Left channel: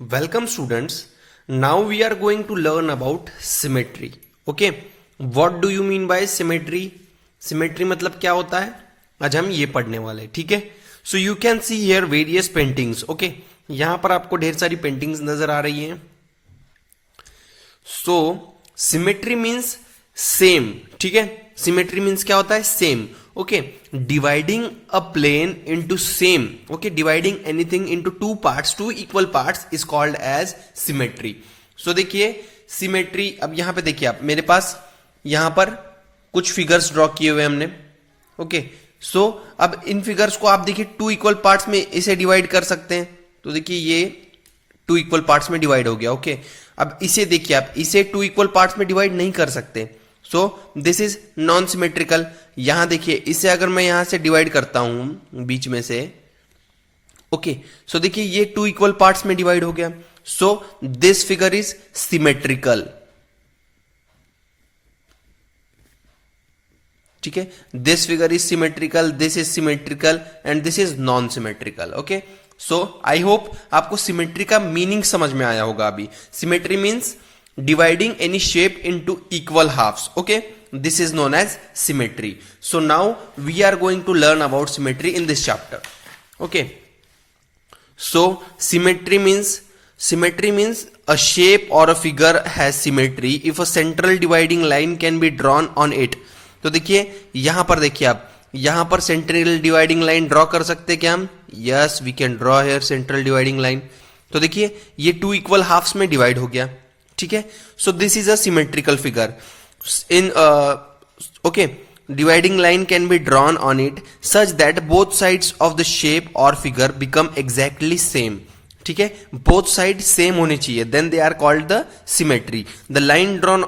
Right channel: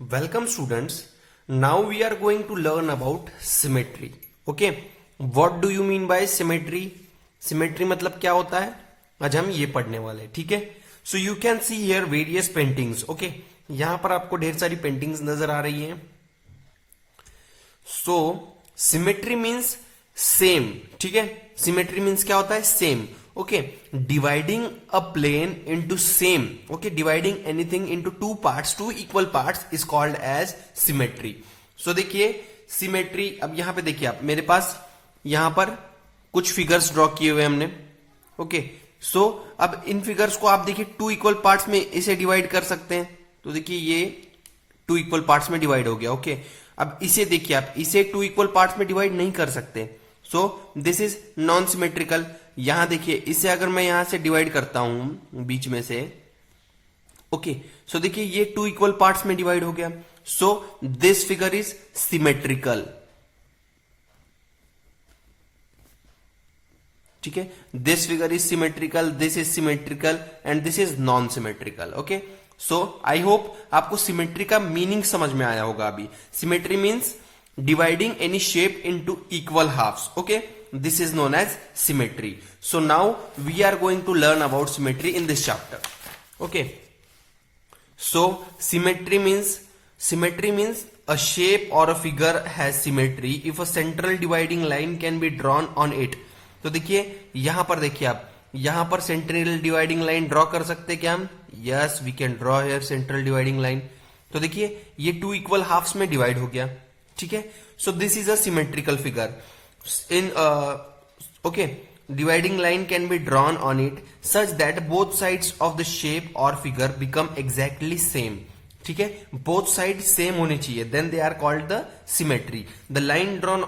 Welcome students. Now we are going to learn about symmetry. Okay. What do you mean by symmetry? Symmetry मतलब क्या होता है? आज हम ये पढ़ने वाले हैं, ठीक है? So you can see here various paintings. Okay. यहाँ पर आपको ढेर सारी पेंटिंग्स नजर आ रही हैं. So symmetry means same. ठीक है? Symmetry means क्या होता है? Same. Okay, dividing a plane into same, okay, dividing anything into two parts, two equal parts is called as symmetry. So देखिए symmetry, अब यहां पे देखिए आप, मेरे पास यहां पर कुछ फिगर्स ड्रॉ किए हुए हमने. ओके, सो अब इन फिगर्स को आप देखिए टू इक्वल पार्ट्स में इसे डिवाइड कर सकते हैं. तो देखिए ये टू इक्वल पार्ट्स में डिवाइड हो गया. ओके, अब इसे देखिए आप, इसे टू इक्वल पार्ट्स में डिवाइड नहीं कर सकते. सो दिस इज नॉन सिमेट्रिकल. यहां देखिए, इसे अगर मैं यहां से डिवाइड करता हूं बीच में से, ओके, सो देखिए ये टू इक्वल पार्ट्स में डिवाइड हो गया. So this figure is symmetrical. ठीक है, this figure is symmetrical, this is symmetrical and this is non symmetrical. Okay, so I hope आपको सिमेट्री का मीनिंग समझ में आया होगा. अभी symmetry means dividing any shape into equal halves. Okay, this is known as symmetry. So now we are going to learn about symmetry in this chapter. Okay, so symmetry means a shape or a figure has symmetry if a central dividing line can be drawn on it. तो देखिए यहां पर, देखिए आप यहां पर central dividing line draw कर सकते हैं क्या हम? Yes, we can draw here central dividing line. तो देखिए ये टू इक्वल हाफ्स में डिवाइड हो गया. ठीक है, so this is a symmetrical figure. In okay, dividing line can be drawn on it such that both sides of the shape और figure become exactly same. ठीक है, बोथ साइड सेम होनी चाहिए, then they are called the symmetry. The line drawn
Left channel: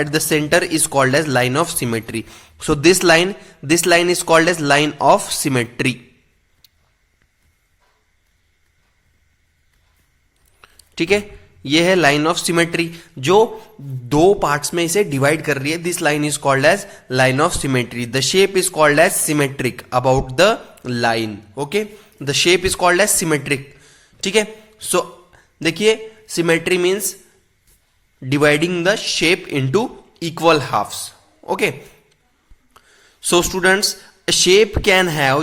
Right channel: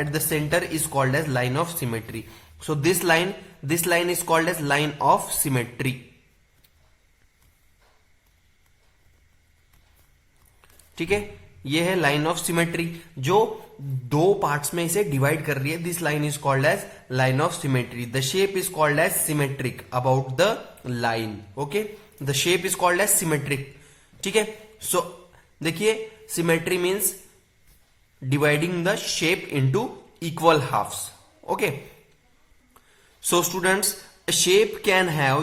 at the centre is called as line of symmetry. So this line is called as line of symmetry. ठीक है, ये है line of symmetry जो दो parts में इसे divide कर रही है. This line is called as line of symmetry. The shape is called as symmetric about the line. Okay, the shape is called as symmetric. ठीक है, सो देखिए symmetry means dividing the shape into equal halves. Okay, so students, a shape can have,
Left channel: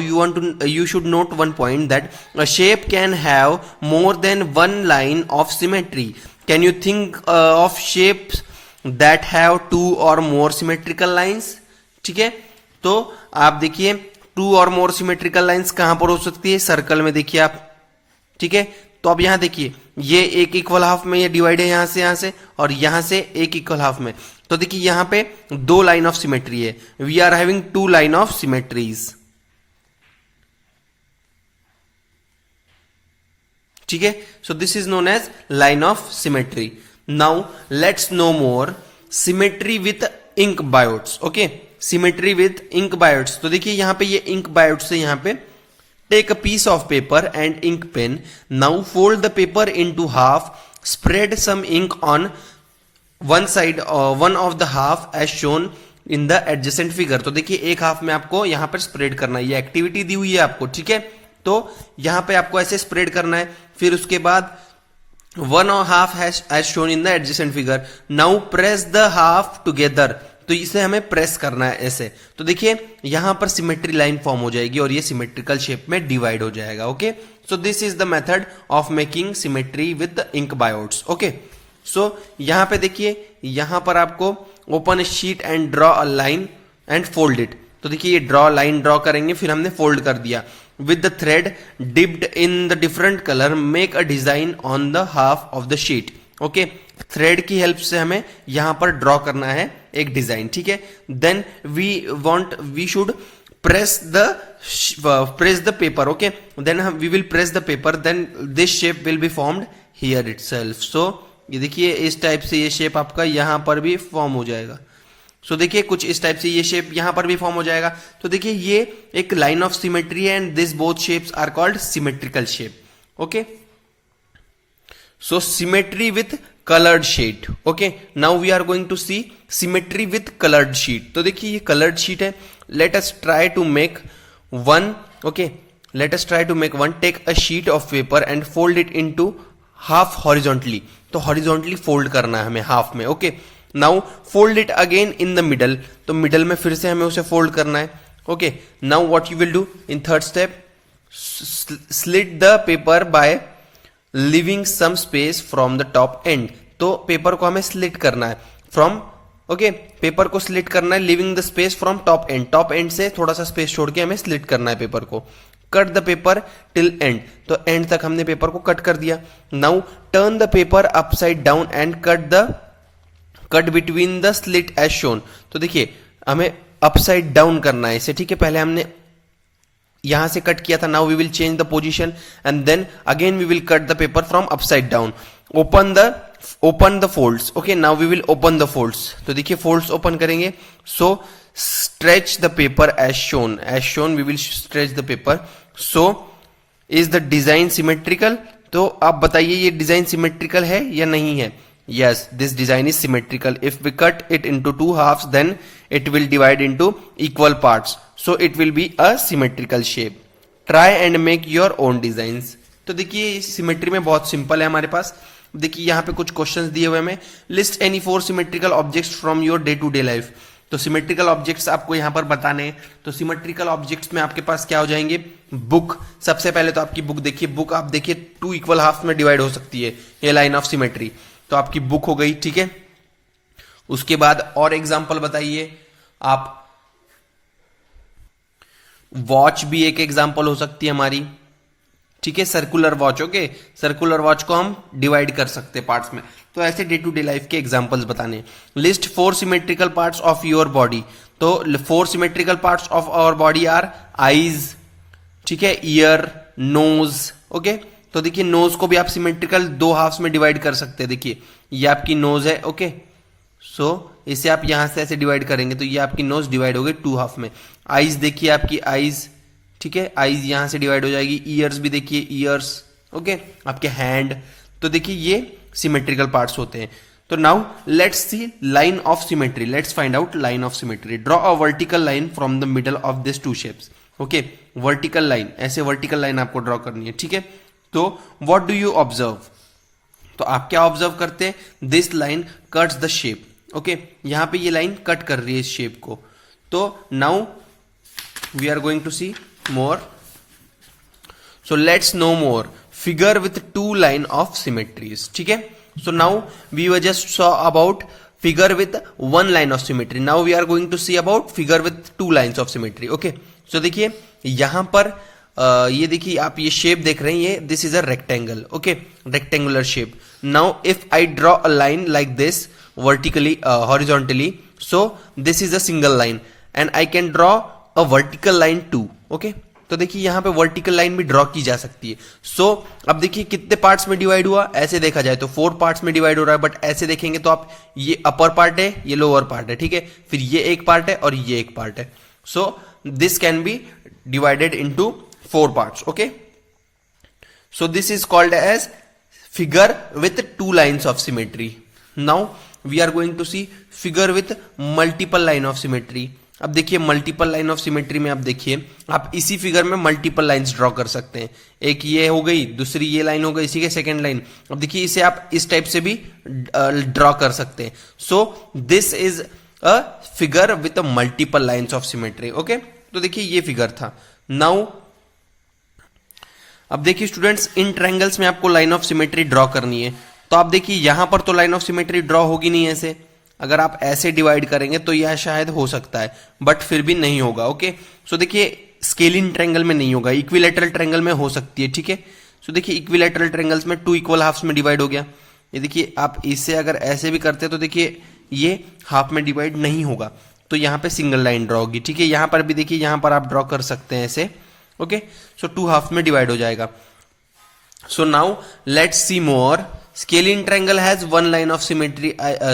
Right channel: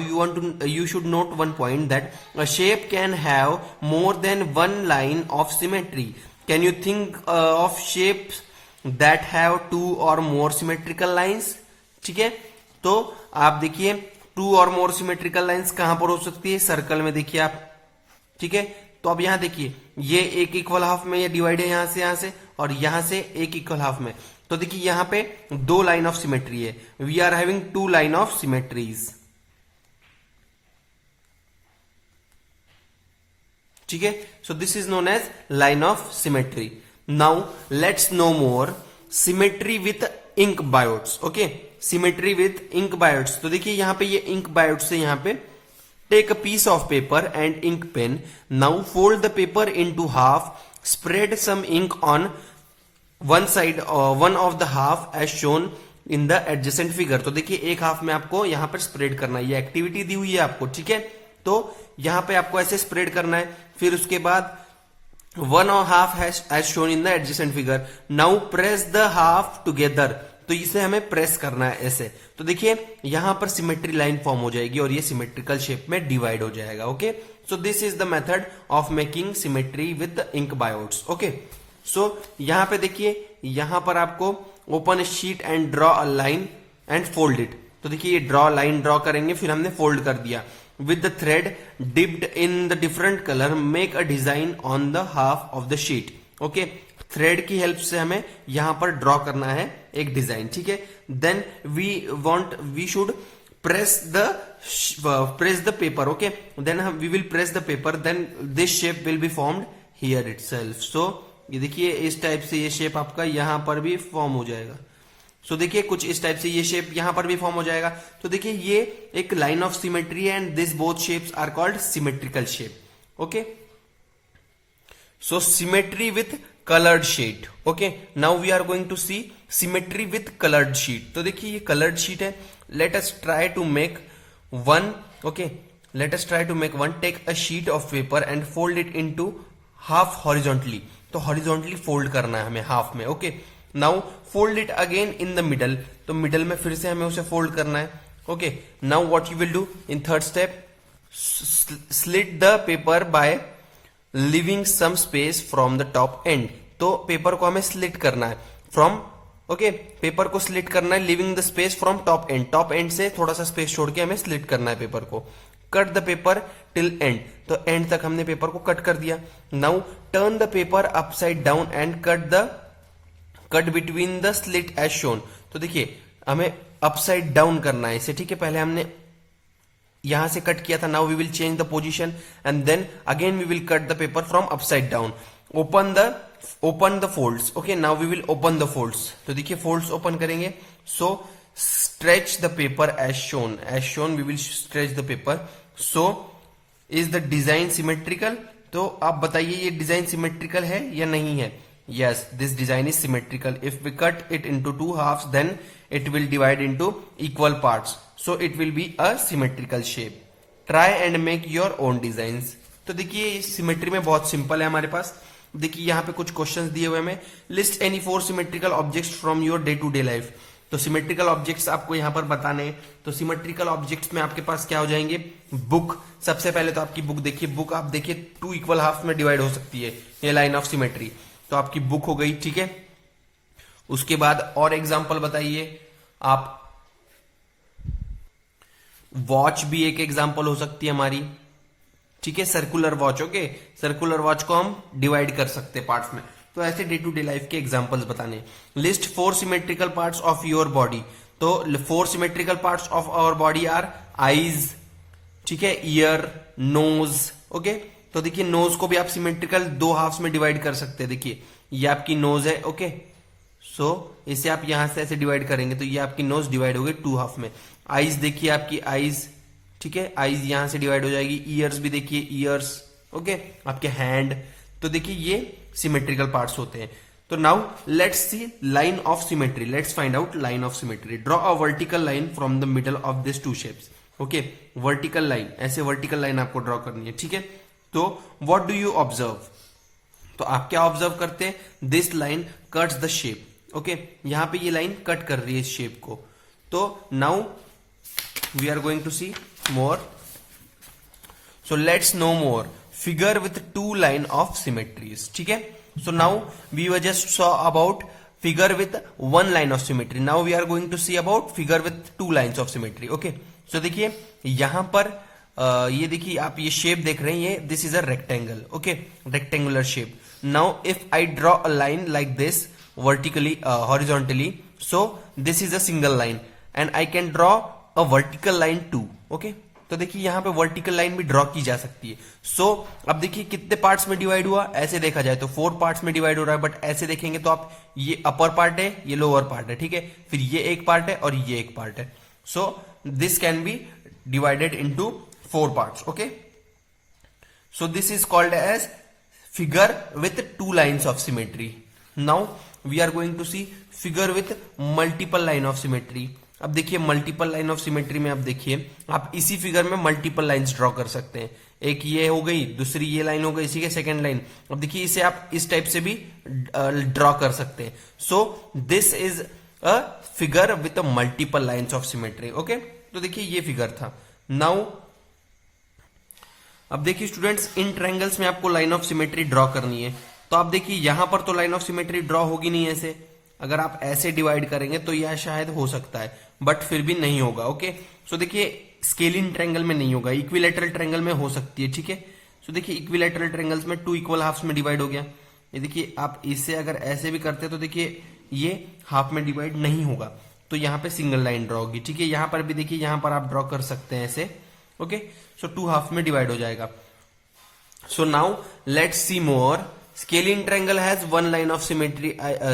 you should note one point, that a shape can have more than one line of symmetry. Can you think of shapes that have two or more symmetrical lines? ठीक है, तो आप देखिए to और मोर symmetrical lines कहां पर हो सकती है? सर्कल में देखिए आप. ठीक है, तो अब यहां देखिए ये एक इक्वल हाफ में ये डिवाइड है, यहां से और यहां से एक इक्वल हाफ में. तो देखिए यहां पे दो लाइन ऑफ सिमेट्री है. We are having two line of symmetries. ठीक है, so this is known as line of symmetry. Now let's know more symmetry with ink blots. Okay, symmetry with ink blots. तो देखिए यहां पे ये ink बायोट्स है. यहां पे take a piece of paper and ink pen. Now fold the paper into half. Spread some ink on one side, one of the half as shown in the adjacent figure. तो देखिए एक half में आपको यहां पर spread करना है. ये एक्टिविटी दी हुई है आपको. ठीक है, तो यहां पे आपको ऐसे स्प्रेड करना है. फिर उसके बाद one half as shown in the adjacent figure. Now press the half together. तो इसे हमें प्रेस करना है ऐसे. तो देखिए यहां पर सिमेट्री लाइन फॉर्म हो जाएगी और ये सिमेट्रिकल शेप में डिवाइड हो जाएगा. Okay, so this is the method of making symmetry with ink blots. Okay, सो यहां पे देखिए, यहां पर आपको open sheet and draw a line and fold it. तो देखिए ये लाइन ड्रॉ करेंगे, फिर हमने फोल्ड कर दिया. With the thread dipped in the different colour make a design on the half of the sheet. Okay, thread की help से हमें यहां पर ड्रॉ करना है एक डिजाइन. ठीक है, then we should press the paper. Okay, then we will press the paper, then this shape will be formed here itself. सो ये देखिए इस टाइप से ये शेप आपका यहां पर भी फॉर्म हो जाएगा. सो देखिए कुछ इस टाइप से ये शेप यहां पर भी फॉर्म हो जाएगा. तो देखिए ये एक लाइन ऑफ सिमेट्री है and this both shapes are called symmetrical shape. Okay, so symmetry with coloured sheet. Okay, now we are going to see symmetry with coloured sheet. तो देखिए ये कलर्ड शीट है. Let us try to make one. Okay, let us try to make one. Take a sheet of paper and fold it into half horizontally, तो horizontally fold करना है हमें half में। Okay, now fold it again in the middle, तो middle में फिर से हमें उसे फोल्ड करना है। Okay, now what you will do in third step, slit the paper by leaving some space from the top end, तो पेपर को हमें स्लिट करना है फ्रॉम, ओके, पेपर को स्लिट करना है leaving the space from top and, top and से थोड़ा सा स्पेस छोड़ के हमें स्लिट करना है पेपर को। Cut the paper till end, तो एंड तक हमने पेपर को कट कर दिया। Now turn the paper upside down and cut between the slit as shown, तो देखिए हमें अपसाइड डाउन करना है इसे, ठीक है, पहले हमने यहां से कट किया था, now we will change the position and then again we will cut the paper from upside down. Open the folds, okay, now we will open the folds, तो देखिए फोल्ड्स ओपन करेंगे। So stretch the paper as shown we will stretch the paper. So is the design symmetrical, तो आप बताइए ये design symmetrical है या नहीं है। Yes, this design is symmetrical. If we cut it into two halves then it will divide into equal parts, so it will be a symmetrical shape. Try and make your own designs, तो देखिए symmetry में बहुत simple है हमारे पास। देखिए यहाँ पे कुछ क्वेश्चंस दिए हुए हैं, list any 4 symmetrical objects from your day to day life, तो सिमेट्रिकल ऑब्जेक्ट्स आपको यहाँ पर बताने हैं। तो सिमेट्रिकल ऑब्जेक्ट्स में आपके पास क्या हो जाएंगे, बुक, सबसे पहले तो आपकी बुक देखिए, बुक आप देखिए 2 इक्वल हाफ में डिवाइड हो सकती है, ये लाइन ऑफ सिमेट्री, तो आपकी बुक हो गई, ठीक है। उसके बाद और एग्जाम्पल बताइए आप, वॉच भी एक एग्जाम्पल हो सकती है हमारी, ठीक है, circular watch, okay, circular watch को हम डिवाइड कर सकते हैं पार्ट्स में। तो ऐसे डे टू डे लाइफ के एग्जांपल्स बताने। List 4 symmetrical parts of your body, तो 4 symmetrical parts of our body are eyes, ठीक है, ईयर, नोज, ओके, तो देखिए नोज को भी आप सिमेट्रिकल 2 हाफ्स में डिवाइड कर सकते हैं। देखिए ये आपकी नोज है, ओके, सो इसे आप यहां से ऐसे डिवाइड करेंगे तो ये आपकी नोज डिवाइड हो गई 2 हाफ में। आईज देखिए आपकी आईज, ठीक है, आईज यहां से डिवाइड हो जाएगी। ईयर्स भी देखिए ईयर्स, ओके, आपके हैंड, तो देखिए ये सिमेट्रिकल पार्ट्स होते हैं। तो now let's see line of symmetry, let's find out line of symmetry. Draw a vertical line from the middle of this 2 shapes, okay, vertical line, ऐसे वर्टिकल लाइन आपको draw करनी है, ठीक है। तो व्हाट डू यू ऑब्जर्व, तो आप क्या ऑब्जर्व करते हैं, this line cuts the shape, okay, यहां पे ये लाइन कट कर रही है इस शेप को। तो now we are going to see more, so let's know more, figure with 2 line of symmetries, ठीक है। so now we were just saw about figure with 1 line of symmetry, now we are going to see about figure with 2 lines of symmetry, okay। so देखिए यहां पर ये देखिए आप ये shape देख रहे हैं, ये this is a rectangle, okay, rectangular shape. Now if I draw a line like this vertically horizontally, so this is a single line and I can draw a vertical line too, okay, तो देखिए यहां पे vertical line भी draw की जा सकती है। सो अब देखिए कितने पार्ट्स में डिवाइड हुआ, ऐसे देखा जाए तो 4 पार्ट्स में डिवाइड हो रहा है, बट ऐसे देखेंगे तो आप ये अपर पार्ट है, ये लोअर पार्ट है, ठीक है, फिर ये एक पार्ट है और ये एक पार्ट है। So this can be divided into 4 parts, okay. So this is called as figure with 2 lines of symmetry. Now we are going to see figure with multiple line of symmetry. अब देखिए multiple line of symmetry में आप देखिए आप इसी figure में multiple lines draw कर सकते हैं, एक ये हो गई, दूसरी ये लाइन हो गई, इसी के सेकंड लाइन। अब देखिए इसे आप इस टाइप से भी ड्रॉ कर सकते हैं। सो this is a figure with multiple lines of symmetry, okay. तो देखिए ये फिगर था। नाउ अब देखिए स्टूडेंट्स, इन ट्रायंगल्स में आपको लाइन ऑफ सिमेट्री ड्रॉ करनी है, तो आप देखिए यहां पर तो लाइन ऑफ सिमेट्री ड्रॉ होगी नहीं ऐसे, अगर आप ऐसे डिवाइड करेंगे तो यह शायद हो सकता है, बट फिर भी नहीं होगा, ओके। सो देखिए स्केलिंग ट्रायंगल में नहीं होगा, इक्विलैटरल ट्रायंगल में हो सकती है, ठीक है। सो देखिए इक्विलैटरल ट्रायंगल्स में 2 इक्वल हाफ्स में डिवाइड हो गया। ये देखिए आप इससे अगर ऐसे भी करते तो देखिए ये हाफ में डिवाइड नहीं होगा, तो यहाँ पे सिंगल लाइन ड्रॉ होगी, ठीक है। यहाँ पर भी देखिए यहाँ पर आप ड्रॉ कर सकते हैं ऐसे, ओके। सो 2 हाफ में डिवाइड हो जाएगा। सो now let's see more. Scalene triangle has 1 line of symmetry.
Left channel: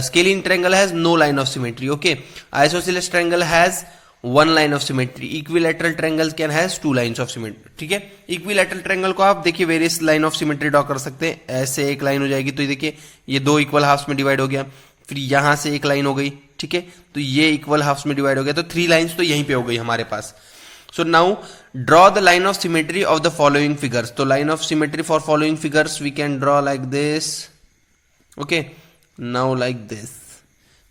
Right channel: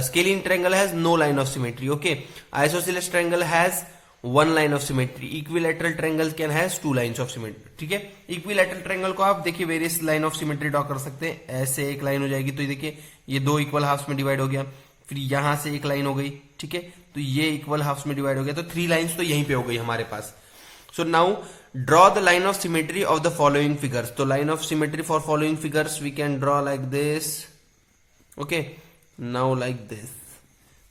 Scalene triangle has no line of symmetry. Okay. Isosceles triangle has 1 line of symmetry. Equilateral triangle can has 2 lines of symmetry. ठीक है। Equilateral triangle को आप देखिए various line of symmetry draw कर सकते हैं। ऐसे एक लाइन हो जाएगी तो देखिए ये 2 इक्वल हाफ्स में डिवाइड हो गया, फिर यहां से एक लाइन हो गई, ठीक है, तो ये इक्वल हाफ्स में डिवाइड हो गया, तो 3 लाइन्स तो यहीं पे हो गई हमारे पास। So now draw the line of symmetry of the following figures. तो line of symmetry for following figures we can draw like this, okay, now like this.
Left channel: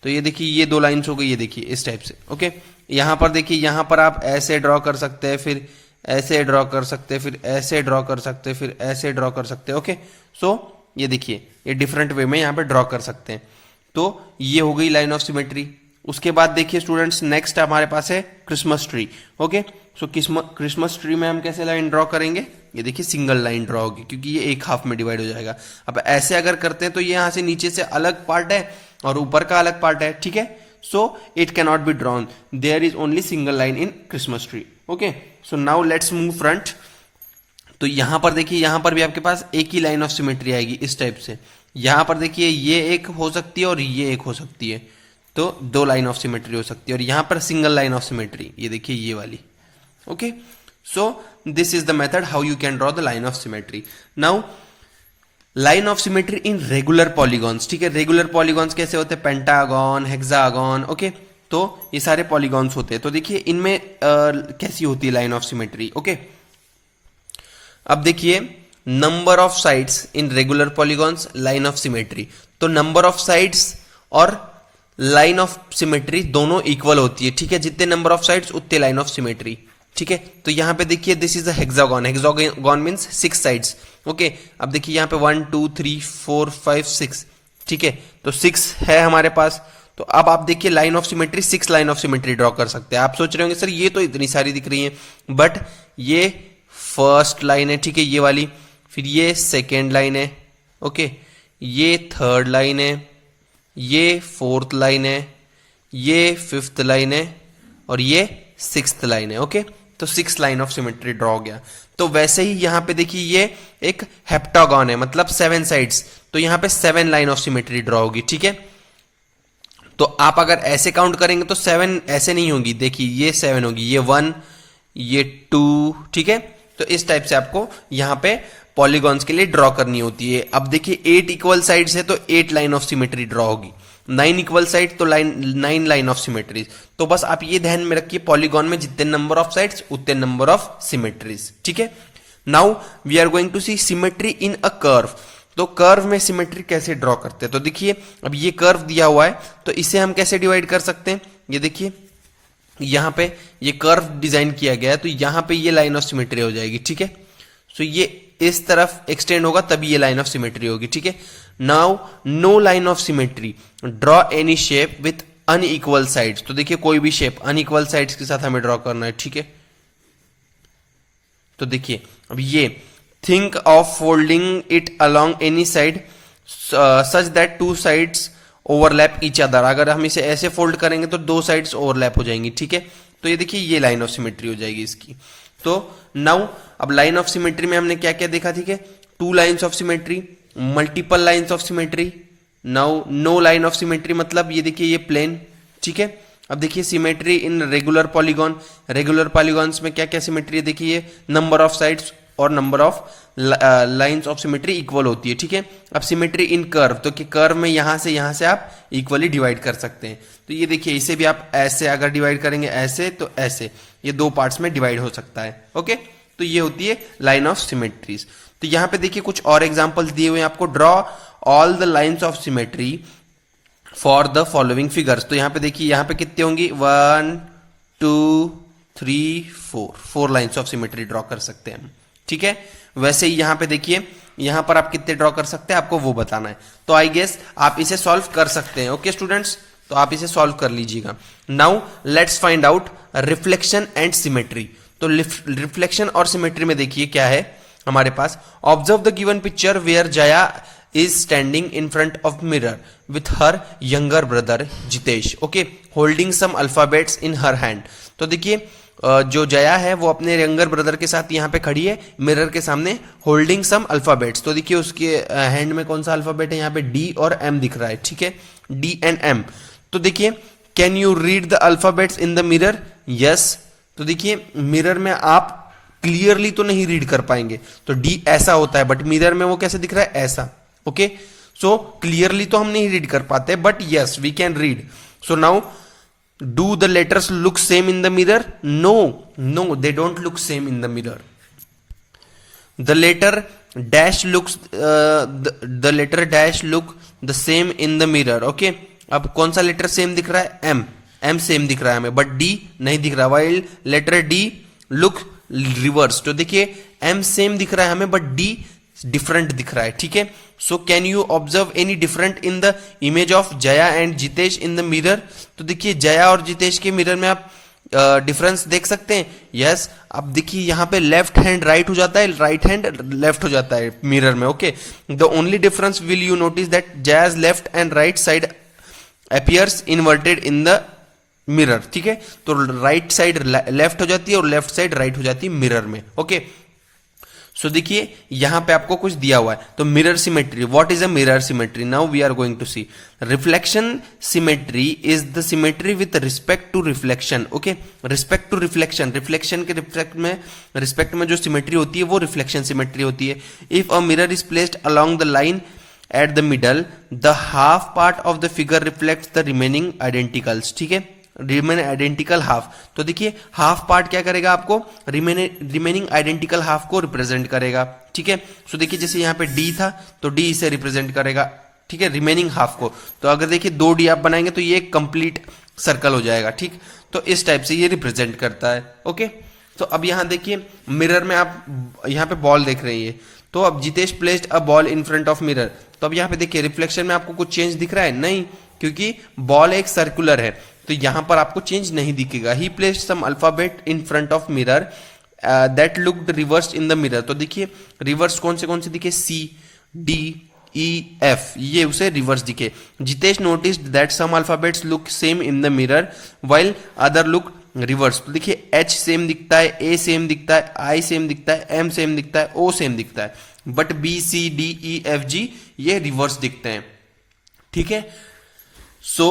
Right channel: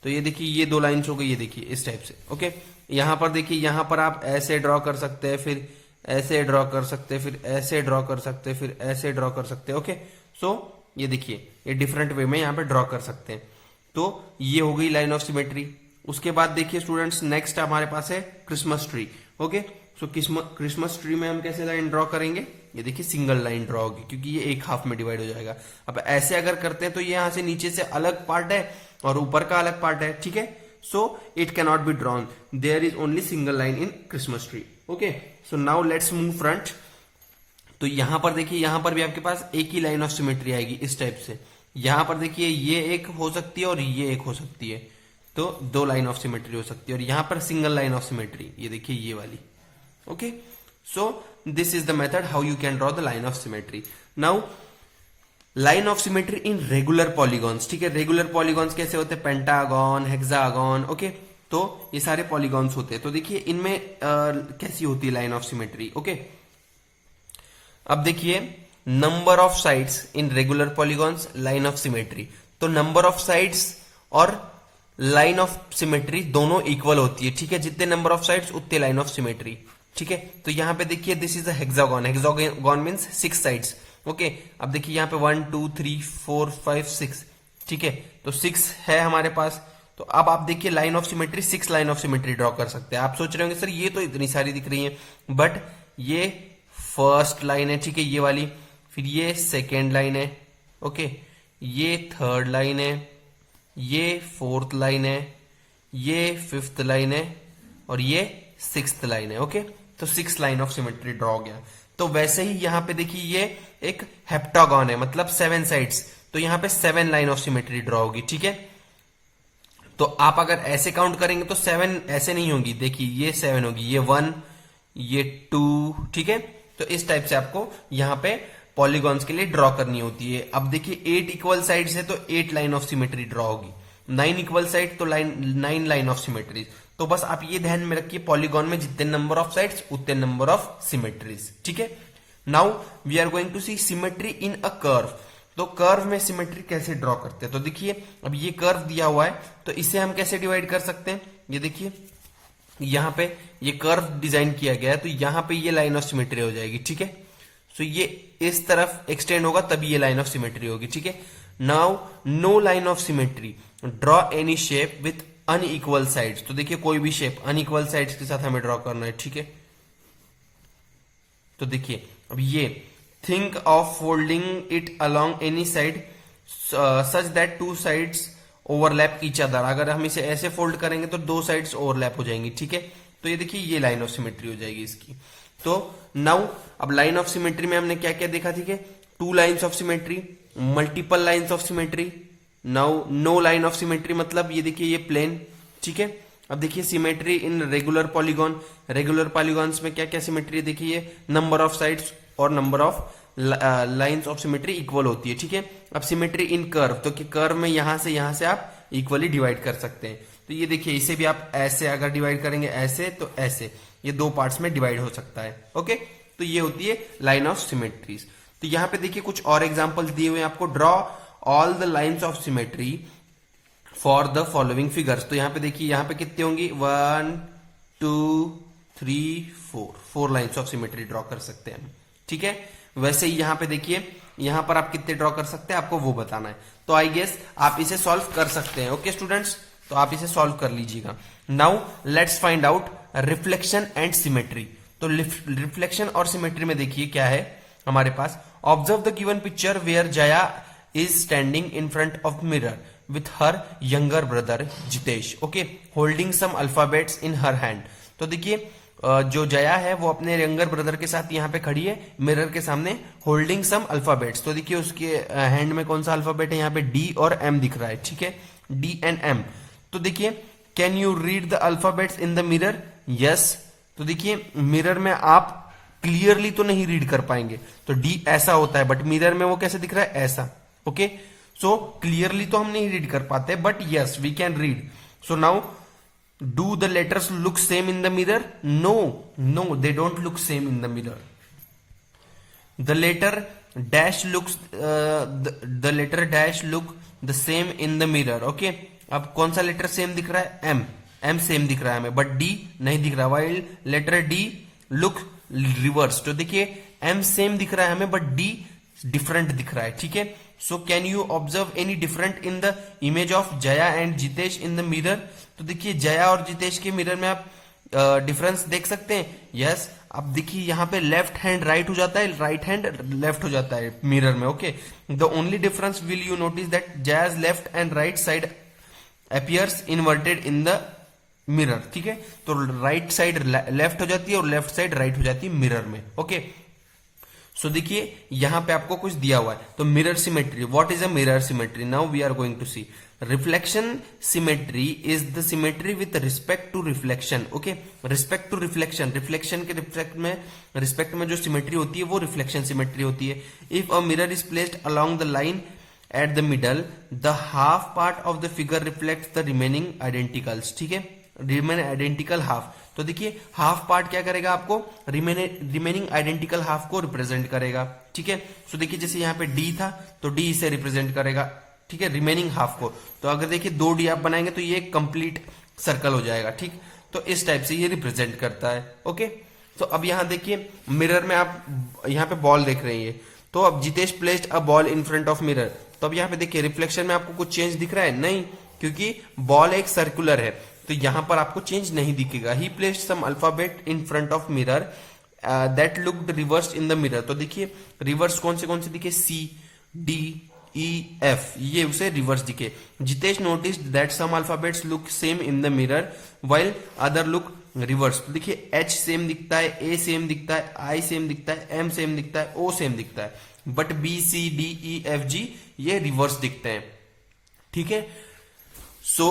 तो ये देखिए ये दो लाइन्स हो गई, ये देखिए इस टाइप से, ओके। यहां पर देखिए, यहां पर आप ऐसे ड्रॉ कर सकते हैं, फिर ऐसे ड्रॉ कर सकते हैं, फिर ऐसे ड्रॉ कर सकते हैं, फिर ऐसे ड्रॉ कर सकते हैं, ओके। सो ये देखिए ये डिफरेंट वे में यहां पे ड्रॉ कर सकते हैं। तो ये हो गई लाइन ऑफ सिमेट्री। उसके बाद देखिए स्टूडेंट्स, नेक्स्ट हमारे पास है क्रिसमस ट्री, ओके। सो क्रिसमस ट्री में हम कैसे लाइन ड्रॉ करेंगे, ये देखिए सिंगल लाइन ड्रॉ होगी, क्योंकि ये एक हाफ में डिवाइड हो जाएगा। अब ऐसे अगर करते हैं तो ये यहां से नीचे से अलग पार्ट है और ऊपर का अलग पार्ट है, ठीक है। So it can not be drawn, there is only single line in Christmas tree, okay. So now let's move front. तो यहां पर देखिए, यहां पर भी आपके पास एक ही लाइन ऑफ सिमेट्री आएगी इस टाइप से। यहां पर देखिए ये एक हो सकती है और ये एक हो सकती है, तो दो लाइन ऑफ सिमेट्री हो सकती है। और यहां पर सिंगल लाइन ऑफ सिमेट्री, ये देखिए ये वाली, okay. So this is the method how you can draw the line of symmetry. Now line of symmetry in regular polygons, ठीक है। रेगुलर पॉलीगॉन्स कैसे होते हैं, पेंटागन, हेक्सागन, ओके। तो ये सारे पॉलीगॉन्स होते हैं। तो देखिए इनमें कैसी होती है लाइन ऑफ सिमेट्री, ओके। अब देखिए number of sides in regular polygons, line of symmetry. तो नंबर ऑफ साइड्स और लाइन ऑफ सिमेट्री दोनों इक्वल होती है, ठीक है। जितने नंबर ऑफ साइड्स उतने लाइन ऑफ सिमेट्री, ठीक है। तो यहां पे देखिए this is a hexagon, hexagon means 6 sides, okay. अब देखिए यहां पे 1 2 3 4 5 6, ठीक है। तो 6 है हमारे पास। तो अब आप देखिए line of symmetry, 6 line of symmetry draw कर सकते हैं। आप सोच रहे होंगे सर ये तो इतनी सारी दिख रही है, बट ये फर्स्ट लाइन है, ठीक है, ये वाली, फिर ये सेकेंड लाइन है, ओके, ये थर्ड लाइन है, ये फोर्थ लाइन है, ये फिफ्थ लाइन है और ये सिक्स्थ लाइन है, ओके। तो 6 लाइन ऑफ सिमेट्री ड्रॉ हो गया। तो वैसे ही यहां पे देखिए ये एक हेप्टागन है, मतलब 7 साइड्स, तो यहां पे 7 लाइन ऑफ सिमेट्री ड्रॉ होगी, ठीक है। तो आप अगर ऐसे काउंट करेंगे तो 7 ऐसे नहीं होगी, देखिए ये 7 होगी, ये 1, ये 2, ठीक है। तो इस टाइप से आपको यहां पे पॉलीगॉन्स के लिए ड्रॉ करनी होती है। अब देखिए 8 इक्वल साइड्स है तो 8 लाइन ऑफ सिमेट्री ड्रॉ होगी, 9 इक्वल साइड तो 9 लाइन ऑफ सिमेट्रीज। तो बस आप ये ध्यान में रखिए, पॉलीगॉन में जितने नंबर ऑफ साइड्स उतने नंबर ऑफ सिमेट्रीज, ठीक है। Now we are going to see symmetry in a curve. तो कर्व में सिमेट्री कैसे ड्रॉ करते हैं, तो देखिए अब ये कर्व दिया हुआ है, तो इसे हम कैसे डिवाइड कर सकते हैं। ये देखिए यहां पे ये कर्व डिजाइन किया गया है, तो यहां पे ये लाइन ऑफ सिमेट्री हो जाएगी, ठीक है। सो ये इस तरफ एक्सटेंड होगा तभी ये लाइन ऑफ सिमेट्री होगी, ठीक है। Now no line of symmetry, draw any shape with unequal sides. तो देखिए कोई भी शेप अनइक्वल साइड्स के साथ हमें ड्रॉ करना है, ठीक है। तो देखिए अब ये think of folding it along any side such that 2 sides overlap each other. अगर हम इसे ऐसे फोल्ड करेंगे तो 2 साइड्स ओवरलैप हो जाएंगी, ठीक है। तो ये देखिए ये लाइन ऑफ सिमेट्री हो जाएगी इसकी। तो नाउ अब लाइन ऑफ सिमेट्री में हमने क्या क्या देखा, ठीक है। 2 lines of symmetry, multiple lines of symmetry, now no line of symmetry, मतलब ये देखिए ये प्लेन, ठीक है। अब देखिए symmetry in regular polygon, regular polygons में क्या क्या सिमेट्री है, देखिए नंबर ऑफ साइड्स और number of lines of symmetry equal होती है, ठीक है। अब सिमेट्री इन कर्व, तो कि कर्व में यहां से आप इक्वली डिवाइड कर सकते हैं। तो ये देखिए इसे भी आप ऐसे अगर डिवाइड करेंगे ऐसे तो ऐसे, ये 2 पार्ट्स में डिवाइड हो सकता है, ओके। तो ये होती है लाइन ऑफ सिमेट्रीज। तो यहां पे देखिए कुछ और एग्जांपल्स दिए हुए हैं आपको, draw all the lines of symmetry for the following figures. तो यहां पे देखिए यहां पे कितने होंगी, 1 2 3 4 लाइंस ऑफ सिमेट्री ड्रॉ कर सकते हैं हम, ठीक है। वैसे ही यहां पे देखिए यहां पर आप कितने ड्रॉ कर सकते हैं आपको वो बताना है। तो आई गेस आप इसे सॉल्व कर सकते हैं, ओके स्टूडेंट्स। तो आप इसे सॉल्व कर लीजिएगा। Now let's find out reflection and symmetry. तो रिफ्लेक्शन और सिमेट्री में देखिए क्या है हमारे पास, observe the given picture where Jaya is standing in front of mirror with her younger brother Jitesh, okay, holding some alphabets in her hand. तो देखिए जो जया है वो अपने यंगर ब्रदर के साथ यहाँ पे खड़ी है मिरर के सामने, होल्डिंग सम अल्फाबेट्स। तो देखिए उसके हैंड में कौन सा अल्फाबेट है, यहाँ पे डी और एम दिख रहा है, ठीक है, डी एंड एम। तो देखिए can you read the alphabets in the mirror, yes. तो देखिए मिरर में आप क्लियरली तो नहीं रीड कर पाएंगे, तो डी ऐसा होता है, बट मिरर में वो कैसे दिख रहा है, ऐसा, ओके। सो क्लियरली तो हम नहीं रीड कर पाते, but yes we can read. So now do the letters look same in the mirror? No, no, they don't look same in the mirror. The letter dash looks the letter dash look the same in the mirror. Okay, अब कौन सा letter same दिख रहा है? M. M same दिख रहा है हमें, बट D नहीं दिख रहा. while letter D look reverse. तो देखिए M सेम दिख रहा है हमें, बट D डिफरेंट दिख रहा है. ठीक है, so can you observe any different in the image of Jaya and Jitesh in the mirror? तो देखिए जया और जितेश के मिरर में आप डिफरेंस देख सकते हैं. यस, अब देखिए यहाँ पे लेफ्ट हैंड राइट हो जाता है, राइट हैंड लेफ्ट हो जाता है मिरर में. Okay, the only difference will you notice that Jaya's left and right side appears inverted in the mirror. ठीक है, तो राइट साइड लेफ्ट हो जाती है और लेफ्ट साइड राइट हो जाती है मिरर में. ओके, सो देखिए यहां पे आपको कुछ दिया हुआ है. तो mirror symmetry, what is a mirror symmetry? Now we are going to see. Reflection symmetry is the symmetry with respect to reflection. Okay, respect to reflection, reflection के रिस्पेक्ट में जो सिमेट्री होती है वो रिफ्लेक्शन सिमेट्री होती है. If a mirror is placed along the line at the middle, the half part of the figure reflects the remaining identicals. ठीक है, रिमेन आइडेंटिकल हाफ. तो देखिए हाफ पार्ट क्या करेगा? आपको रिमेनिंग आइडेंटिकल हाफ को रिप्रेजेंट करेगा. ठीक है, सो देखिए जैसे यहाँ पे डी था तो डी इसे रिप्रेजेंट करेगा. ठीक है, रिमेनिंग हाफ को. तो अगर देखिए 2 डी आप बनाएंगे तो ये कंप्लीट सर्कल हो जाएगा. ठीक, तो इस टाइप से ये रिप्रेजेंट करता है. ओके, तो अब यहाँ देखिए मिरर में आप यहाँ पे बॉल देख रहे हैं. तो अब Jitesh placed a ball in front of mirror. तो अब यहाँ पे देखिए रिफ्लेक्शन में आपको कुछ चेंज दिख रहा है? नहीं, क्योंकि बॉल एक सर्कुलर है तो यहां पर आपको चेंज नहीं दिखेगा. He placed some alphabet in front of mirror that looked reverse in the mirror. तो देखिए रिवर्स कौन से दिखे? C, D, E, F, ये उसे रिवर्स दिखे. Jitesh noticed that some alphabets look same in the mirror while other look reverse. तो देखिए H सेम दिखता है, A सेम दिखता है, I सेम दिखता है, M सेम दिखता है, O सेम दिखता है, but B, C, D, E, F, G ये रिवर्स दिखते हैं. ठीक है, so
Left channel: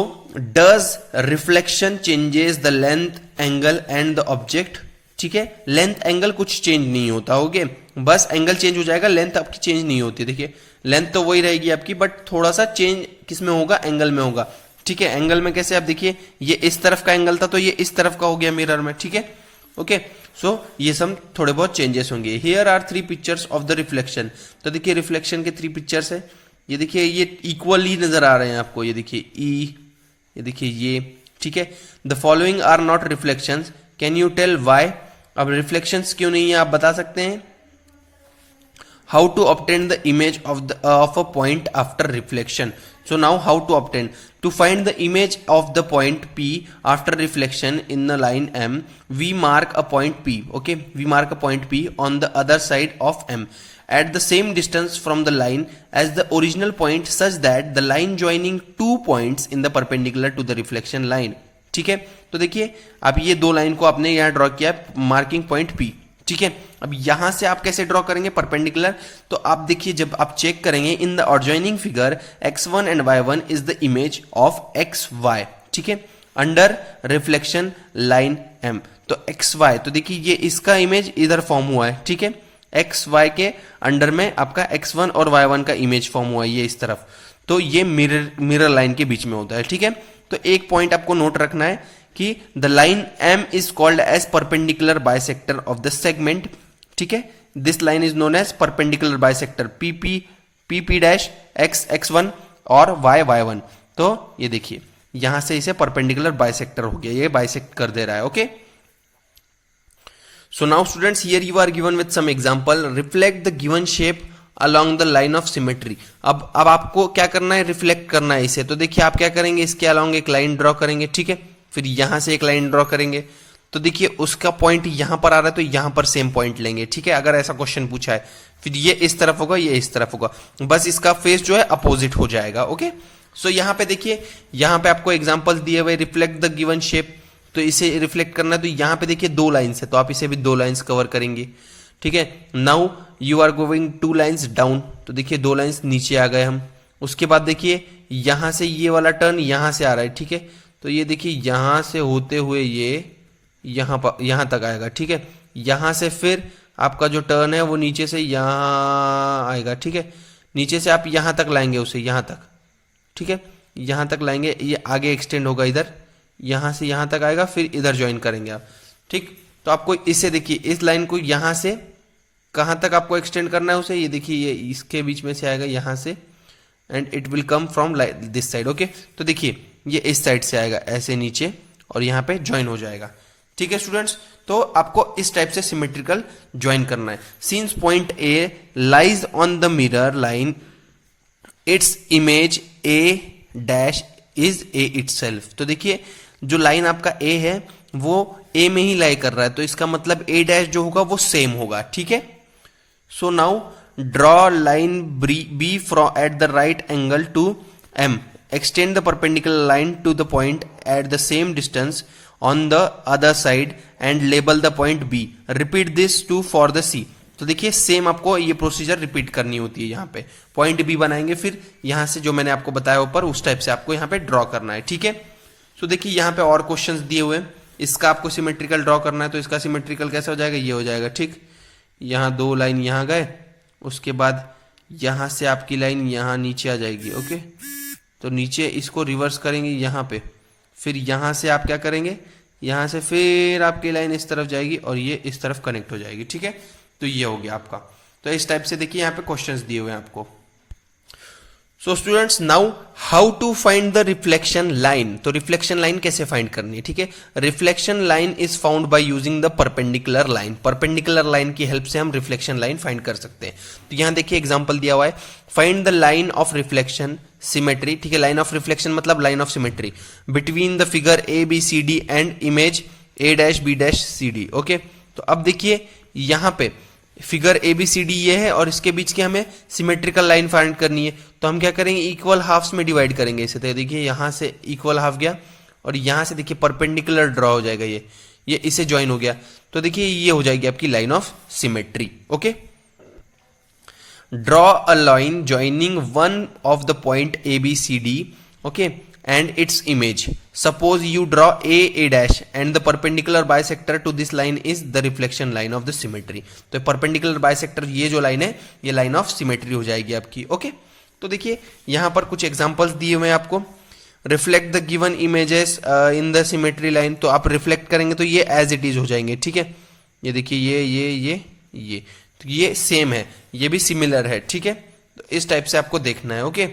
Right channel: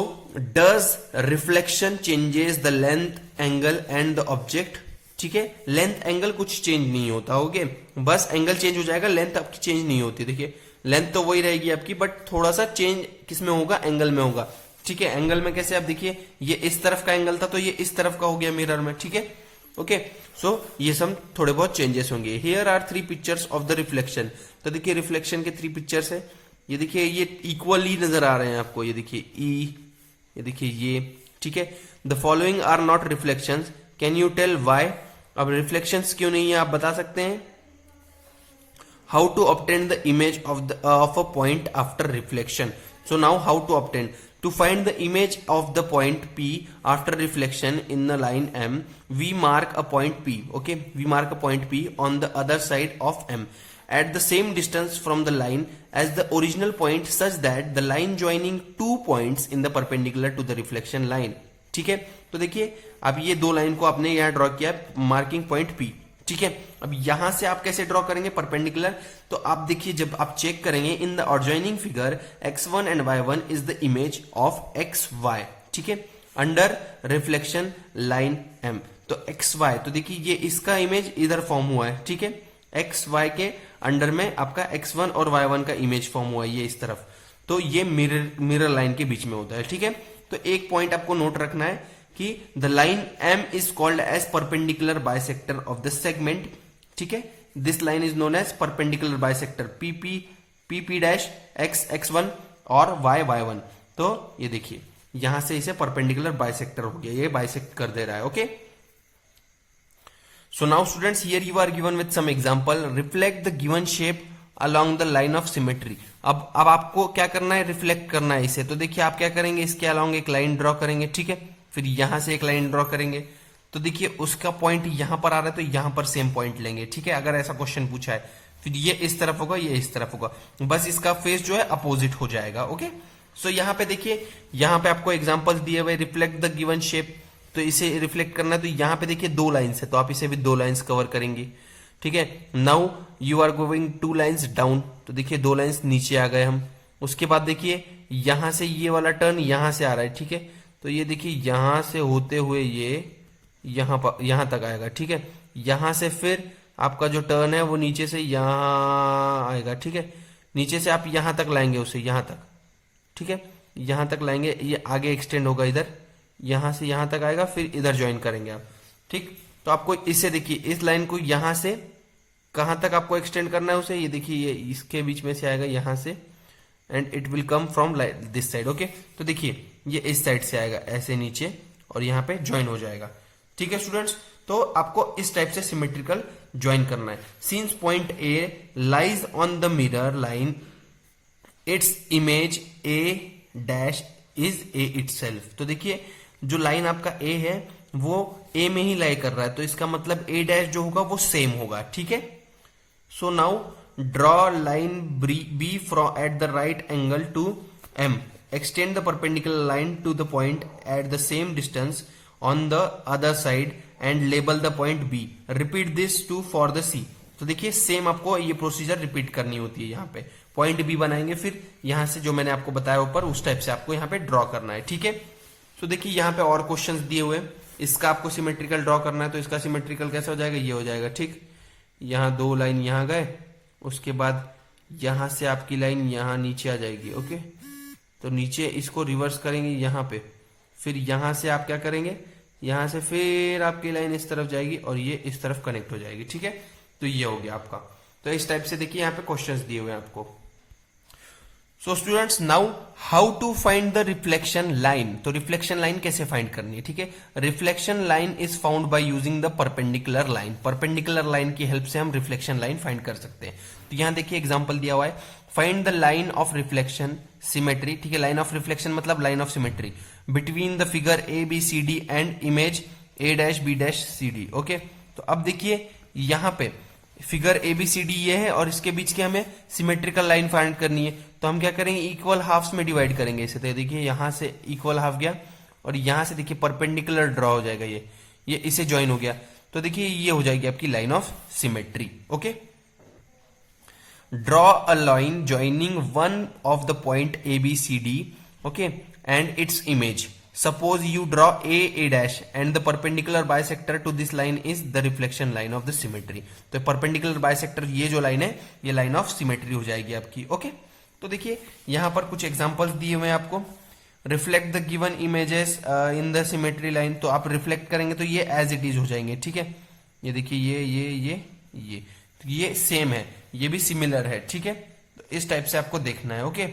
does reflection changes the length, angle and the object? ठीक है, लेंथ एंगल कुछ चेंज नहीं होता. ओके, बस एंगल चेंज हो जाएगा, लेंथ आपकी चेंज नहीं होती. देखिए लेंथ तो वही रहेगी आपकी, बट थोड़ा सा चेंज किस में होगा? एंगल में होगा. ठीक है, एंगल में कैसे? आप देखिए ये इस तरफ का एंगल था तो ये इस तरफ का हो गया मिरर में. ठीक है, ओके, सो ये सब थोड़े बहुत चेंजेस होंगे. Here are 3 pictures of the reflection. तो देखिए रिफ्लेक्शन के 3 पिक्चर्स है. ये देखिए ये इक्वली नजर आ रहे हैं आपको. ये देखिए E, ये देखिए ये. ठीक है, the following are not reflections, can you tell why? अब रिफ्लेक्शंस क्यों नहीं है आप बता सकते हैं. How to obtain the image of a point after reflection. So now how to obtain? To find the image of the point P after reflection in the line M, we mark a point P. Okay, we mark a point P on the other side of M at the same distance from the line as the original point, such that the line joining 2 points in the perpendicular to the reflection line. ठीक है, तो देखिए अब ये 2 line को आपने यहाँ draw किया मार्किंग पॉइंट P. ठीक है, अब यहां से आप कैसे ड्रॉ करेंगे? परपेंडिकुलर. तो आप देखिए जब आप चेक करेंगे in the adjoining figure x1 and y1 is the image of xy. ठीक है, अंडर रिफ्लेक्शन लाइन M. तो xy, तो देखिए ये इसका इमेज इधर फॉर्म हुआ है. ठीक है, xy के अंडर में आपका x1 और y1 का इमेज फॉर्म हुआ है ये इस तरफ. तो ये मिरर लाइन के बीच में होता है. ठीक है, तो एक पॉइंट आपको नोट रखना है कि the line M is called as perpendicular bisector of the segment. ठीक है, this line is known as perpendicular bisector PP dash x1 और y1. तो ये देखिए यहां से इसे परपेंडिकुलर बाइसेक्टर हो गया, ये बाइसेक्ट कर दे रहा है. Okay, so now students here you are given with some example. Reflect the given shape along the line of symmetry. अब आपको क्या करना है? रिफ्लेक्ट करना है इसे. तो देखिए आप क्या करेंगे? इसके अलोंग एक लाइन ड्रॉ करेंगे. ठीक है, फिर यहां से एक लाइन ड्रॉ करेंगे. तो देखिए उसका पॉइंट यहां पर आ रहा है तो यहां पर सेम पॉइंट लेंगे. ठीक है, अगर ऐसा क्वेश्चन पूछा है, फिर ये इस तरफ होगा, ये इस तरफ होगा, बस इसका फेस जो है अपोजिट हो जाएगा. ओके, सो यहां पे देखिए यहां पे आपको एग्जांपल्स दिए हुए. रिफ्लेक्ट द गिवन शेप, तो इसे रिफ्लेक्ट करना है. तो यहां पे देखिए 2 लाइन्स है तो आप इसे भी 2 लाइन्स कवर करेंगे. ठीक है, now you are going 2 lines down. तो देखिए 2 लाइन्स नीचे आ गए हम. उसके बाद देखिए यहां से ये वाला टर्न यहां से आ रहा है. ठीक है, तो ये देखिए यहां से होते हुए ये यहां तक आएगा. ठीक है, यहां से फिर आपका जो टर्न है वो नीचे से यहां आएगा. ठीक है, नीचे से आप यहां तक लाएंगे उसे, यहां तक. ठीक है, यहां तक लाएंगे, ये आगे एक्सटेंड होगा इधर. यहां से यहां तक आएगा, फिर इधर ज्वाइन करेंगे आप। ठीक, तो आपको इसे देखिए, इस लाइन को यहां से कहां तक आपको एक्सटेंड करना है उसे, ये देखिए ये इसके बीच में से आएगा यहां से, and it will come from this side. Okay, तो देखिए ये इस साइड से आएगा ऐसे नीचे और यहाँ पे ज्वाइन हो जाएगा। ठीक है स्टूडेंट्स, तो आपको इस टाइप से सिमेट्रिकल ज्वाइन करना है। Since point A lies on the mirror line, its image A dash is a itself. तो देखिए जो लाइन आपका ए है वो ए में ही लाई कर रहा है, तो इसका मतलब ए डैश जो होगा वो सेम होगा। ठीक है, so now draw line B from at the right angle to M, extend the perpendicular line to the point at the same distance on the other side and label the point B. Repeat this to for the C. तो देखिए same आपको ये procedure repeat करनी होती है। यहाँ पे point B बनाएंगे, फिर यहाँ से जो मैंने आपको बताया ऊपर उस टाइप से आपको यहाँ पे ड्रॉ करना है। ठीक है, तो देखिए यहाँ पे और क्वेश्चंस दिए हुए हैं, इसका आपको सिमेट्रिकल ड्रॉ करना है, तो इसका सिमेट्रिकल कैसे हो जाएगा, ये हो जाएगा। ठीक, यहाँ दो लाइन यहाँ गए, उसके बाद यहाँ से आपकी लाइन यहाँ नीचे आ जाएगी। ओके, तो नीचे इसको रिवर्स करेंगे यहाँ पे, फिर यहाँ से आप क्या करेंगे, यहाँ से फिर आपकी लाइन इस तरफ जाएगी और ये इस तरफ कनेक्ट हो जाएगी। ठीक है, तो ये हो गया आपका। तो इस टाइप से देखिए यहाँ पे क्वेश्चंस दिए हुए हैं आपको। So students, now how to find the reflection line. तो रिफ्लेक्शन लाइन कैसे फाइंड करनी है। ठीक है, reflection line is found by using the perpendicular line. Perpendicular line की हेल्प से हम रिफ्लेक्शन लाइन फाइंड कर सकते हैं। तो यहाँ देखिए एग्जांपल दिया हुआ है, find the line of reflection symmetry. ठीक है, लाइन ऑफ रिफ्लेक्शन मतलब line of symmetry between the figure A B C D and image A dash B dash C D. Okay, तो अब देखिए यहाँ पे figure A B C D ये है और इसके बीच की हमें सिमेट्रिकल लाइन फाइंड करनी है। तो हम क्या करेंगे, इक्वल हाफ्स में डिवाइड करेंगे इसे। तो देखिए यहाँ से इक्वल हाफ गया और यहाँ से देखिए परपेंडिकुलर ड्रॉ हो जाएगा, ये इसे ज्वाइन हो गया। तो देखिए ये हो जाएगी आपकी line of symmetry. Okay, draw a line joining one of the point A B C D, okay, and its image. Suppose you draw a dash and the perpendicular bisector to this line is the reflection line of the symmetry. तो perpendicular bisector ये जो line है ये line of symmetry हो जाएगी आपकी। Okay, तो देखिए यहाँ पर कुछ एग्जांपल्स दिए हुए हैं आपको। Reflect the given images in the symmetry line, तो आप रिफ्लेक्ट करेंगे तो ये एज इट इज हो जाएंगे। ठीक है, ये देखिए ये तो ये सेम है, ये भी सिमिलर है। ठीक है, तो इस टाइप से आपको देखना है। ओके,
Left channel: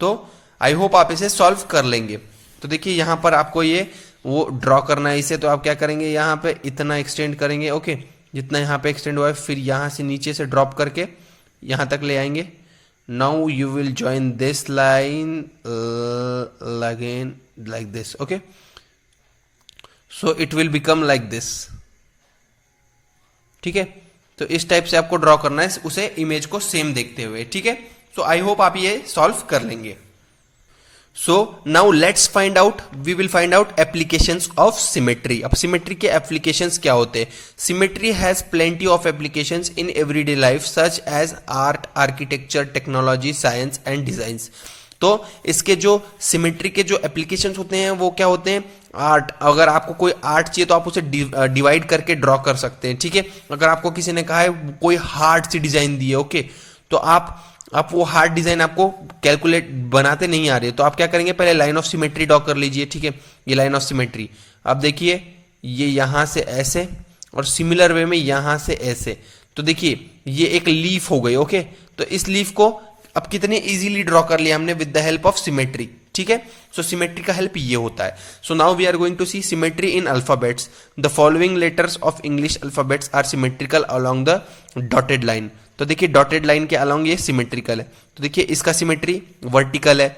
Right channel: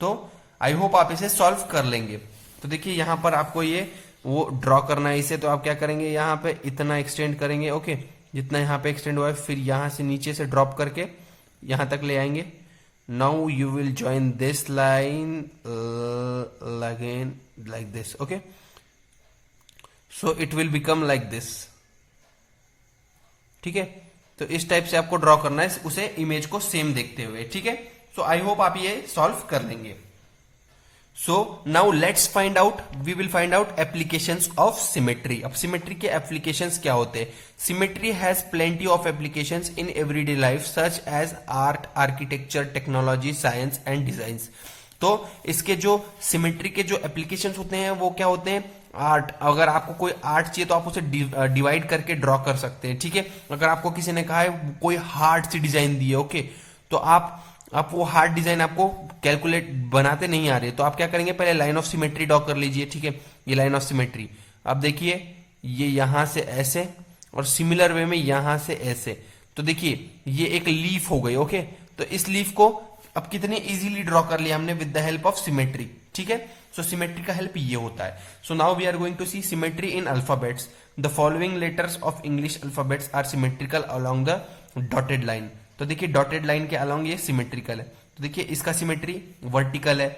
तो आई होप आप इसे सॉल्व कर लेंगे। तो देखिए यहाँ पर आपको ये वो ड्रॉ करना है इसे, तो आप क्या करेंगे, यहाँ पे इतना एक्सटेंड करेंगे। ओके, जितना यहाँ पे एक्सटेंड हुआ है, फिर यहाँ से नीचे से ड्रॉप करके यहाँ तक ले आएंगे। Now you will join this line again like this. Okay, so it will become like this. ठीक है, तो इस टाइप से आपको ड्रॉ करना है उसे, इमेज को सेम देखते हुए। ठीक है, सो आई होप आप ये सॉल्व कर लेंगे। So now let's find out, we will find out applications of symmetry. अब symmetry के applications क्या होते हैं? Symmetry has plenty of applications in everyday life such as art, architecture, technology, science and designs. तो इसके जो symmetry के जो applications होते हैं वो क्या होते हैं? आर्ट, अगर आपको कोई आर्ट चाहिए तो आप उसे डिवाइड करके ड्रॉ कर सकते हैं। ठीक है, अगर आपको किसी ने कहा है कोई हार्ड सी डिजाइन दी है, ओके, तो आप वो हार्ड डिजाइन आपको कैलकुलेट बनाते नहीं आ रहे, तो आप क्या करेंगे, पहले लाइन ऑफ सिमेट्री ड्रॉ कर लीजिए। ठीक है, ये लाइन ऑफ सिमेट्री, अब देखिए ये यहां से ऐसे और सिमिलर वे में यहां से ऐसे, तो देखिए ये एक लीफ हो गई। ओके, तो इस लीफ को अब कितने इजीली ड्रॉ कर लिया हमने with the help of symmetry. ठीक है, सो सिमेट्री का हेल्प ये होता है। So now we are going to see symmetry in alphabets. The following letters of English alphabets are symmetrical along the dotted line. तो देखिए डॉटेड लाइन के along ये सिमेट्रिकल है। तो देखिए इसका सिमेट्री वर्टिकल है,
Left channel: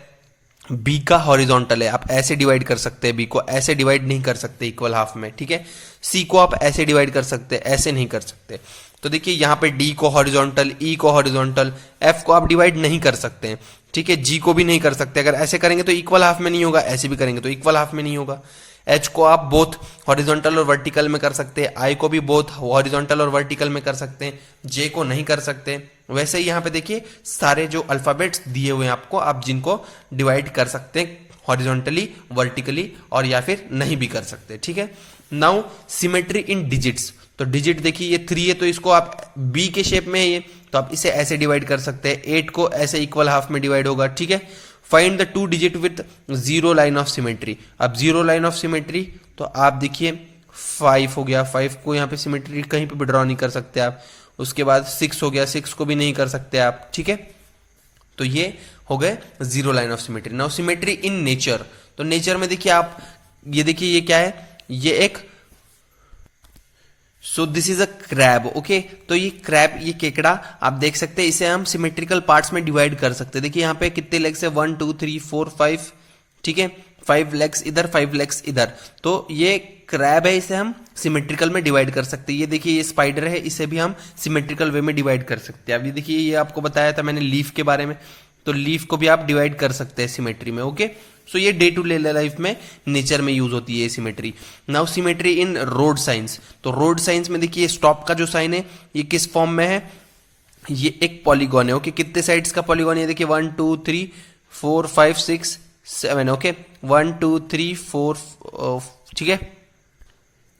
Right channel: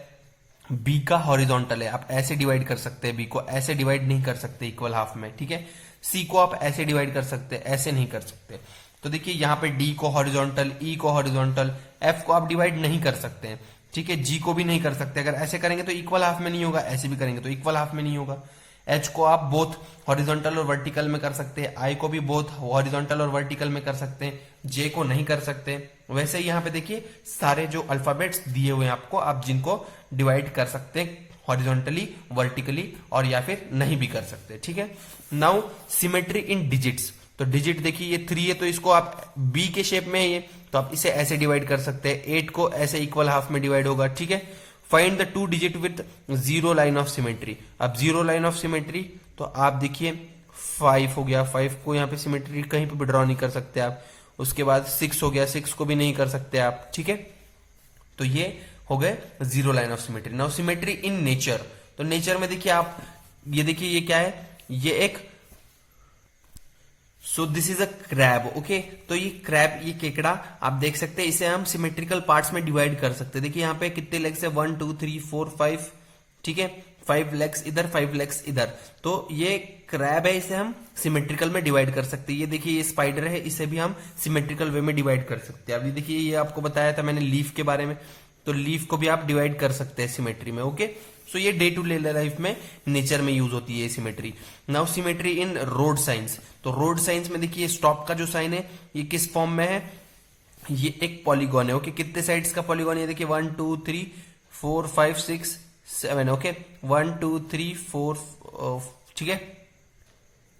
बी का हॉरिजॉन्टल है। आप ऐसे डिवाइड कर सकते हैं, बी को ऐसे डिवाइड नहीं कर सकते इक्वल हाफ में। ठीक है, सी को आप ऐसे डिवाइड कर सकते हैं, ऐसे नहीं कर सकते। तो देखिए यहाँ पे डी को हॉरिजॉन्टल, ई को हॉरिजॉन्टल, एफ को आप डिवाइड नहीं कर सकते हैं। ठीक है, जी को भी नहीं कर सकते, अगर ऐसे करेंगे तो इक्वल हाफ में नहीं होगा, ऐसे भी करेंगे तो इक्वल हाफ में नहीं होगा। एच को आप बोथ हॉरिजॉन्टल और वर्टिकल में कर सकते हैं, आई को भी बोथ हॉरिजॉन्टल और वर्टिकल में कर सकते हैं, जे को नहीं कर सकते। वैसे ही यहाँ पे देखिए सारे जो अल्फाबेट्स दिए हुए हैं आपको, आप जिनको डिवाइड कर सकते हैं हॉरिजॉन्टली, वर्टिकली और या फिर नहीं भी कर सकते। ठीक है, नाउ सिमेट्री इन डिजिट्स। तो डिजिट देखिए ये 3 है, तो इसको आप बी के शेप में है ये, तो आप इसे ऐसे डिवाइड कर सकते हैं। 8 को ऐसे इक्वल हाफ में डिवाइड होगा। ठीक है, find the 2 digit with 0 line of symmetry. अब 0 लाइन ऑफ सिमेट्री तो आप देखिए 5 हो गया, 5 को यहाँ पे सिमेट्री कहीं पे भी ड्रॉ नहीं कर सकते आप। उसके बाद 6 हो गया, 6 को भी नहीं कर सकते आप, ठीक है। तो ये हो गए 0 line of symmetry. Now symmetry in nature, तो नेचर में देखिए आप, ये देखिए ये क्या है, ये एक, सो this is a crab, okay. तो ये क्रैब, ये केकड़ा आप देख सकते हैं, इसे हम सिमेट्रिकल पार्ट्स में डिवाइड कर सकते हैं। देखिए यहाँ पे कितने लेग्स है, 1 2 3 4 5, ठीक है, 5 लेग्स इधर, 5 लेग्स इधर। तो ये क्रैब है, इसे हम सिमेट्रिकल में डिवाइड कर सकते हैं। ये देखिए ये स्पाइडर है, इसे भी हम सिमेट्रिकल वे में डिवाइड कर सकते हैं। अब ये देखिए, ये आपको बताया था मैंने लीफ के बारे में, तो लीफ को भी आप डिवाइड कर सकते हैं सिमेट्री में, ओके। सो ये डे टू डे लाइफ में, नेचर में यूज होती है सिमेट्री। नाउ सिमेट्री इन रोड साइंस, तो रोड साइंस में देखिए स्टॉप का जो साइन है ये किस फॉर्म में है, ये एक पॉलीगॉन है, ओके। कितने साइड्स का पॉलीगॉन है, देखिए 1 2 3 4 5 6 7, ओके, 1 2 3 4, ठीक है।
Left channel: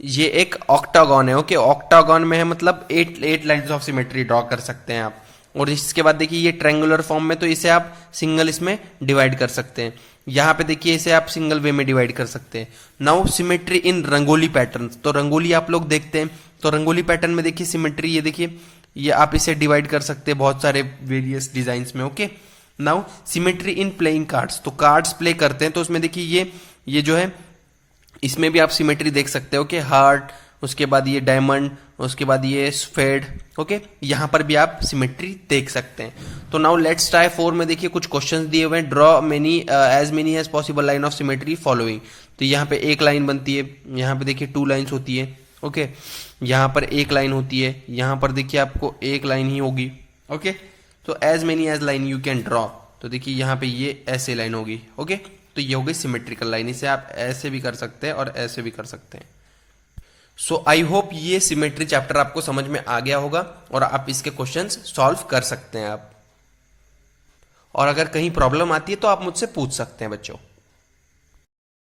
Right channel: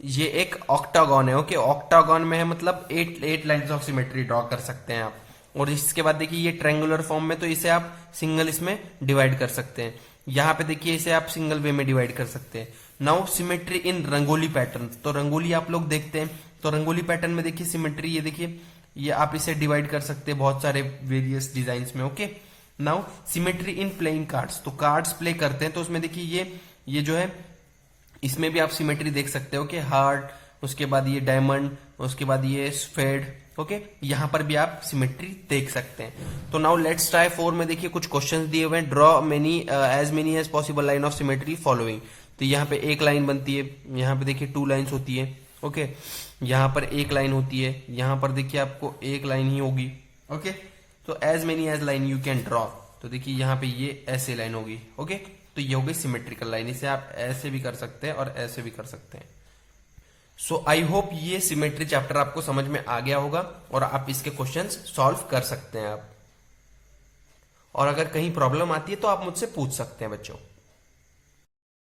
ये एक ऑक्टागॉन है, ओके। ऑक्टागॉन में है मतलब 8 लाइन्स ऑफ सिमेट्री ड्रॉ कर सकते हैं आप। और इसके बाद देखिए ये ट्रायंगुलर फॉर्म में, तो इसे आप सिंगल इसमें डिवाइड कर सकते हैं। यहाँ पे देखिए इसे आप सिंगल वे में डिवाइड कर सकते हैं। नाउ सिमेट्री इन रंगोली पैटर्न, तो रंगोली आप लोग देखते हैं, तो रंगोली पैटर्न में देखिए सिमेट्री, ये देखिए ये आप इसे डिवाइड कर सकते हैं बहुत सारे वेरियस डिजाइन में, okay. Now symmetry in playing cards, तो कार्ड्स प्ले करते हैं, तो उसमें देखिए ये जो है, इसमें भी आप सिमेट्री देख सकते हो, ओके। हार्ट, उसके बाद ये डायमंड, उसके बाद ये स्फेड, ओके। यहां पर भी आप सिमेट्री देख सकते हैं। तो नाउ लेट्स ट्राई 4 में देखिए कुछ क्वेश्चंस दिए हुए हैं। Draw many as many as possible line of symmetry following, तो यहाँ पे एक लाइन बनती है, यहाँ पे देखिए 2 लाइन्स होती है, ओके। यहाँ पर एक लाइन होती है, यहाँ पर देखिए आपको एक लाइन ही होगी, ओके। तो as many as line you can draw, तो देखिए यहाँ पे ये ऐसे लाइन होगी, ओके। तो ये हो गई सिमेट्रिकल लाइन, इसे आप ऐसे भी कर सकते हैं और ऐसे भी कर सकते हैं। सो आई होप ये सिमेट्री चैप्टर आपको समझ में आ गया होगा और आप इसके क्वेश्चंस सॉल्व कर सकते हैं आप। और अगर कहीं प्रॉब्लम आती है तो आप मुझसे पूछ सकते हैं बच्चों।